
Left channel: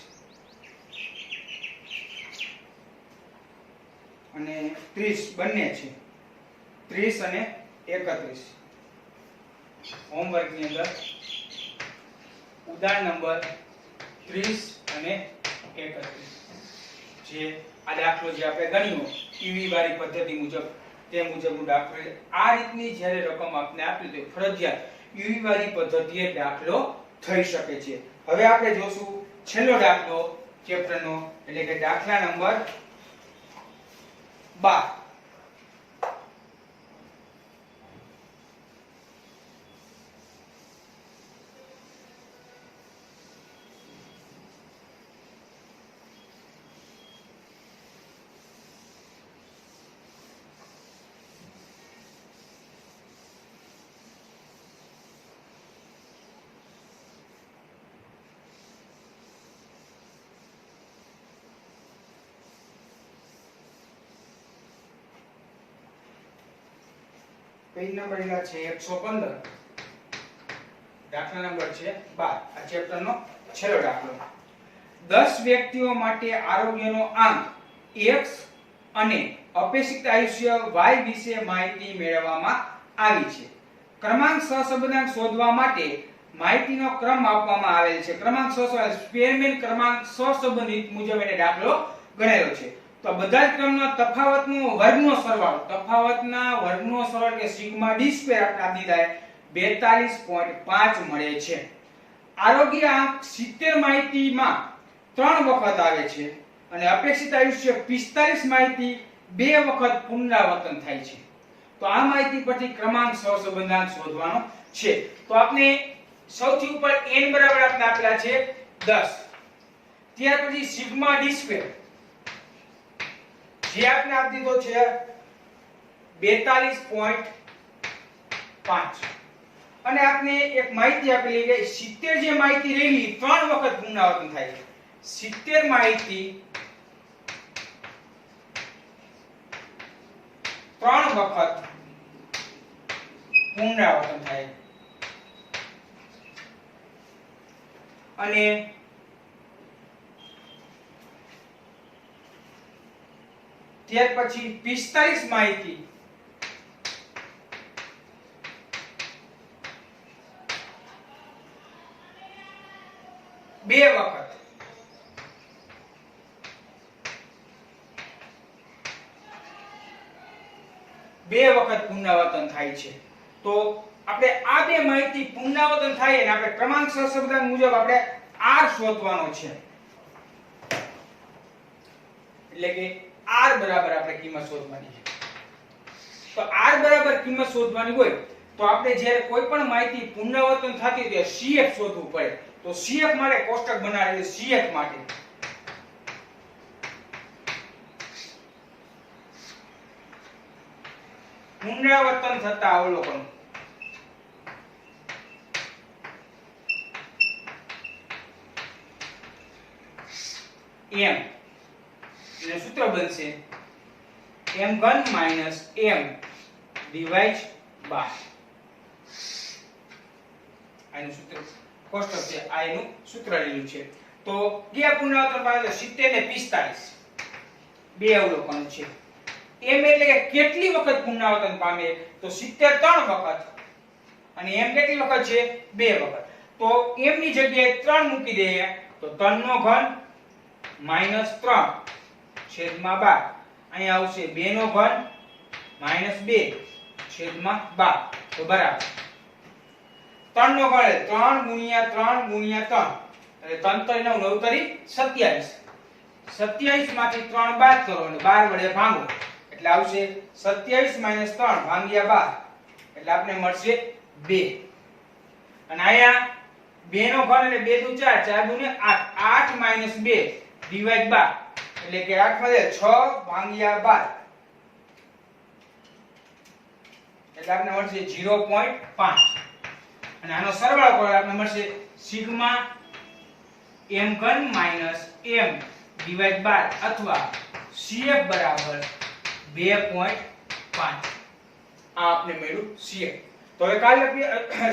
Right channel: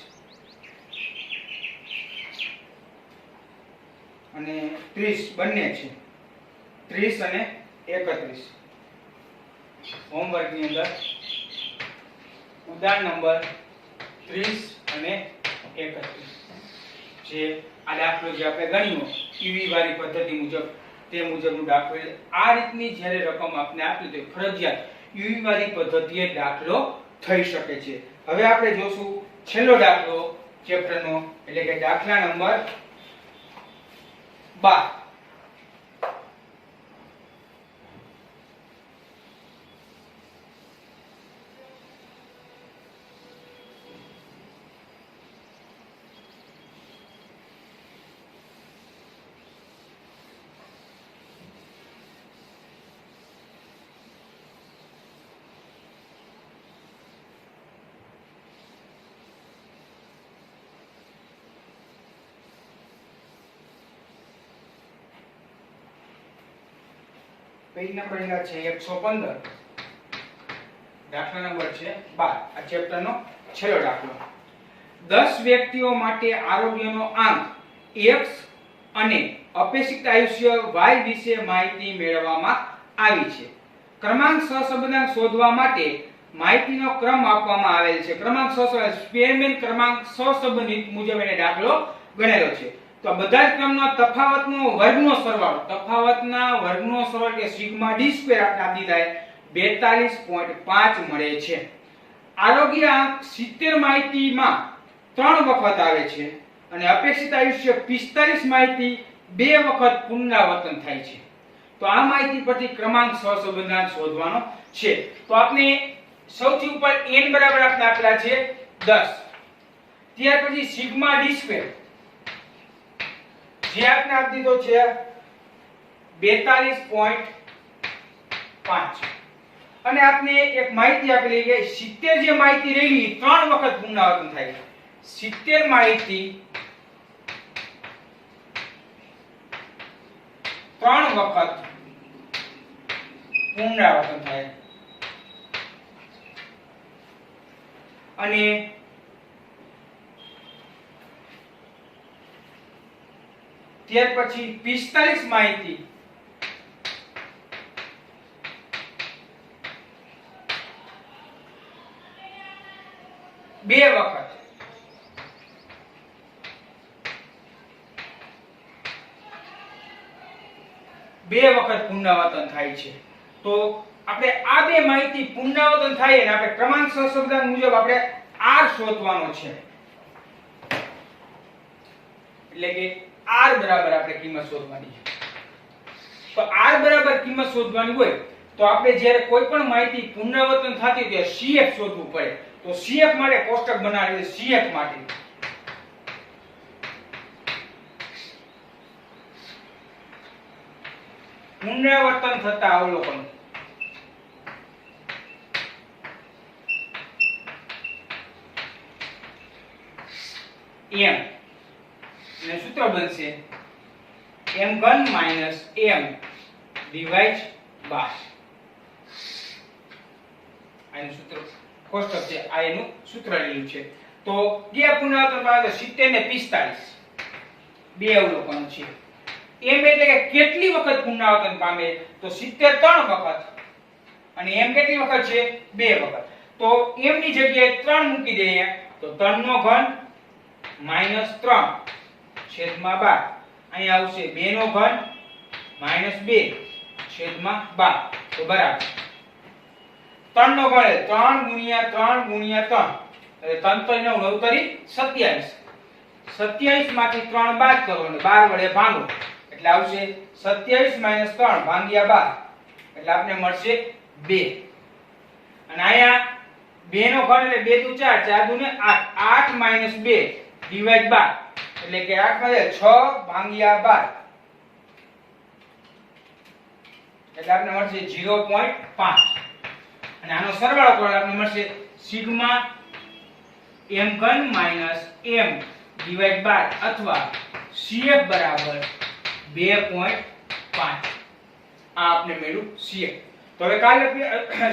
અને 30 બંને છે 30 અને 31 હોમવર્ક ની અંદર ઉદાહરણ નંબર 30 અને 31 જે આ દાખલો જે આપણે ગણ્યો ઈવી વાળી પદ્ધતિ મુજબ તે મુજબનો દાખલો આ રીતની જ્યારે રકમ આપને આપી તો ફરજિયાત ઈવી વાળી પદ્ધતિએ દાખલો થઈ શકે છે હવે આપણે જોશું છેલ્લો દાખલો ચેપ્ટરનો એટલે કે દાખલા નંબર 12 પેજ નંબર એના છે 115 દાખલા નંબર છે 12 આ ચેપ્ટરનો છેલ્લો દાખલો 10 વ્યક્તિઓ માટે આરોગ્યનો આંક x અને અપેક્ષિત આયુષ્ય y વિશે માહિતી મેળવવામાં આવી છે ક્રમાંક સહસંબંધાંક શોધવા માટે માહિતીનો ક્રમ આપવામાં આવેલ છે ક્રમાંક સ્પેરમેન ક્રમાંક સહસંબંધિત મુજબ એને દાખલો ગણેલો છે તો બધા જ ક્રમના તફાવતનો વર્ગનો સરવાળો તફાવતના વર્ગનો સરવાળો એટલે સિગ્મા d સ્ક્વેર આપણે આપી દીધા 42.5 મળે છે આરોગ્ય આંક 70 માહિતીમાં 3 વખત આવે છે અને અપેક્ષિત આયુષ્ય 45 માહિતી 2 વખત પુનરાવર્તન થાય છે તો આ માહિતી પરથી ક્રમાંક સહસંબંધાંક શોધવાનો છે તો આપણે સૌથી ઉપર n બરાબર આપણે આપેલા છે 10 ત્યાર પછી સિગ્મા d સ્ક્વેર જે આપણે આપી દીધો છે 42.5 અને આપને એક માહિતી આપેલી કે 70 જે માહિતી રહેલી 3 વખત પુનરાવર્તન થાય છે 70 માહિતી 3 વખત પુનરાવર્તન થાય અને ત્યાર પછી 45 માહિતી 2 વખત પુનરાવર્તન થાય છે તો આપણે આ બે માહિતી પુનરાવર્તન થાય અને આપણે ક્રમાંક સહસંબંધાંક મુજબ આપણે r શોધવાનો છે એટલે કે r બરાબર આપણે કિંમત શોધવાની છે. તો r બરાબર કિંમત શોધવાની હોય તો આપણે જ્યારે કોઈ પણ માહિતી પુનરાવર્તન થતી હોય ત્યારે CF શોધવું પડે. તો CF માટે કોષ્ટક બનાવીએ. CF માટે પુનરાવર્તન થતા અવલોકન. m અને સૂત્ર બનશે m3 m ડિવાઇડ બાય. આનું સૂત્ર કોષ્ટક છે, આ એનું સૂત્ર લીધું છે. તો બે પુનરાવર્તન પામે 70 ને 45 બે અવલોકનો છે. m એટલે કે કેટલી વખત પુનરાવર્તન પામે તો 70 3 વખત અને m કેટલી વખત છે 2 વખત. તો m ની જગ્યાએ 3 મૂકી દઈએ તો 3 નો ઘન -3 છેદમાં 12. અહીંયા આવશે 2 નો ઘન -2 છેદમાં 12. તો બરાબર 3 નો ઘન 3 ગુણ્યા 3 ગુણ્યા 3 એટલે 3 3 9 9 તરી 27. 27 માંથી 3 બાદ કરો અને 12 વડે ભાગો એટલે આવશે 27 - 3 ભાગ્યા 12 એટલે આપને મળશે 2. અને અહીંયા 2 નો ઘન એટલે 2 દુ 4 4 દુ 8 8 - 2 ડિવાઇડ 12 એટલે કે 8 માંથી 6 ભાગ્યા 12 એટલે આપને મળશે 0.5. અને આનો સરવાળો કરો આપને મળશે સિગ્મા m3 m ડિવાઇડ 12 અથવા CF બરાબર 2.5. આ આપને મળ્યું CF. તો હવે કાલે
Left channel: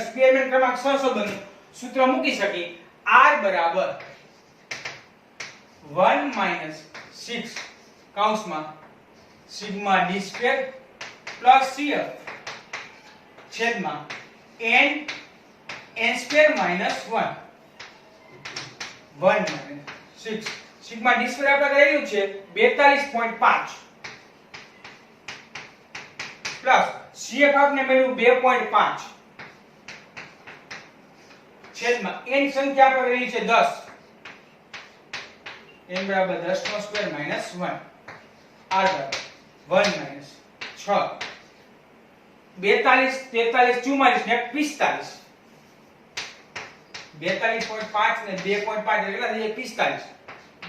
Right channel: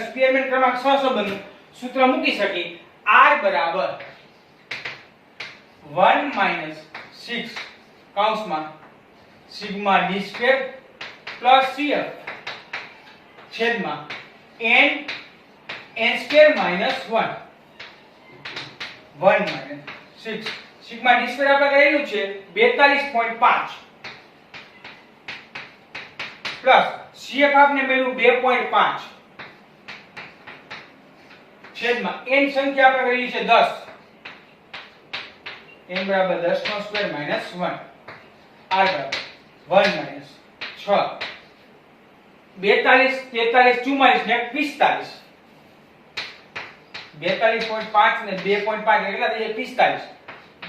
સ્પેરમેન ક્રમાંક 6 સંબંધનું સૂત્ર મૂકી શકી. R બરાબર 1 - 6 કૌંસમાં સિગ્મા d² પ્લસ CF છેદમાં n n² -1 1 - 6 સિગ્મા d² આપણે કરેલું છે 42.5 પ્લસ CF આપને મળ્યું 2.5 છેદમાં n સંખ્યા આપણે કરેલી છે 10 n બરાબર 10 નો સ્ક્વેર -1 r બરાબર 1 - 6 42 43 44 ને 45 42.5 ને 2.5 કેટલા થઈ જાય 45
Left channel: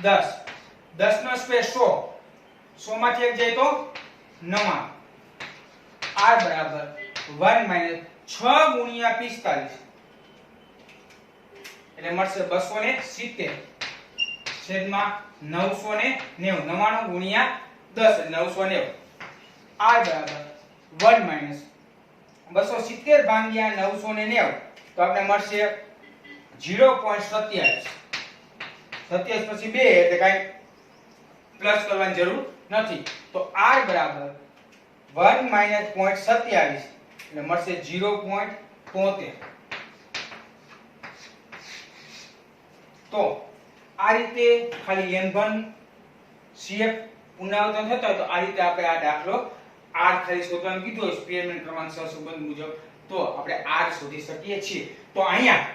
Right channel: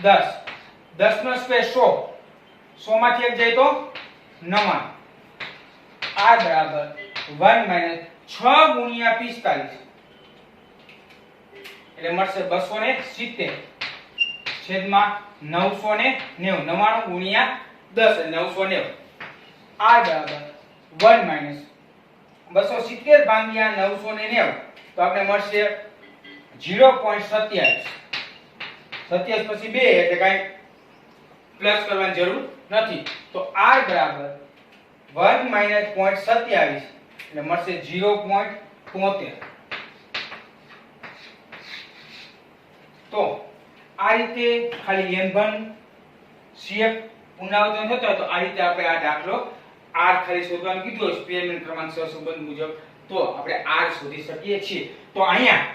10 10 નો સ્ક્વેર 100 100 માંથી એક જાય તો 9 r બરાબર 1 - 6 ગુણ્યા 45 એટલે મળશે 270 છેદમાં 990 99 ગુણ્યા 10 એટલે 990 r બરાબર 1 - 270 ભાગ્યા 990 તો આપણે મળશે 0.27 27 પછી 2 એટલે કાઈ પ્લસ કરવાની જરૂર નથી. તો r બરાબર 1 - 0.27 એટલે મળશે 0.73. તો આ રીતે ખાલી m1 CF પુનરાવર્તન થતો હોય તો આ રીતે આપણે આ દાખલો r ખાલી શોધવાનું કીધું હોય સ્પેરમેન ક્રમાંક 6 સંબંધ મુજબ તો આપણે r શોધી શકીએ છીએ. તો અહીંયા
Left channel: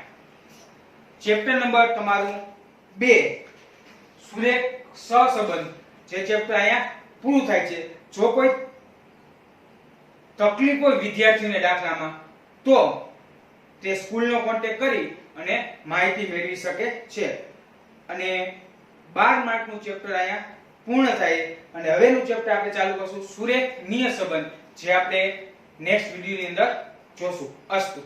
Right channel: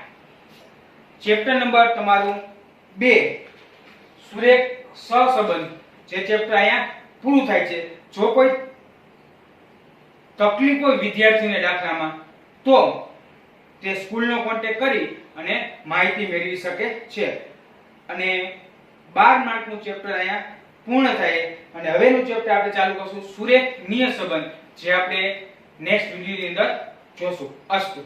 ચેપ્ટર નંબર તમારું 2 સુરેખ સહસંબંધ જે ચેપ્ટર અહીંયા પૂરું થાય છે. જો કોઈ તકલીફ હોય વિદ્યાર્થીઓને દાખલામાં તો તે સ્કૂલનો કોન્ટેક્ટ કરી અને માહિતી મેળવી શકે છે. અને 12 માર્કનું ચેપ્ટર અહીંયા પૂર્ણ થાય અને હવેનું ચેપ્ટર આપણે ચાલુ કરશું સુરેખ નિયત સંબંધ જે આપણે નેક્સ્ટ વિડિયોની અંદર જોશું. અસ્તુ.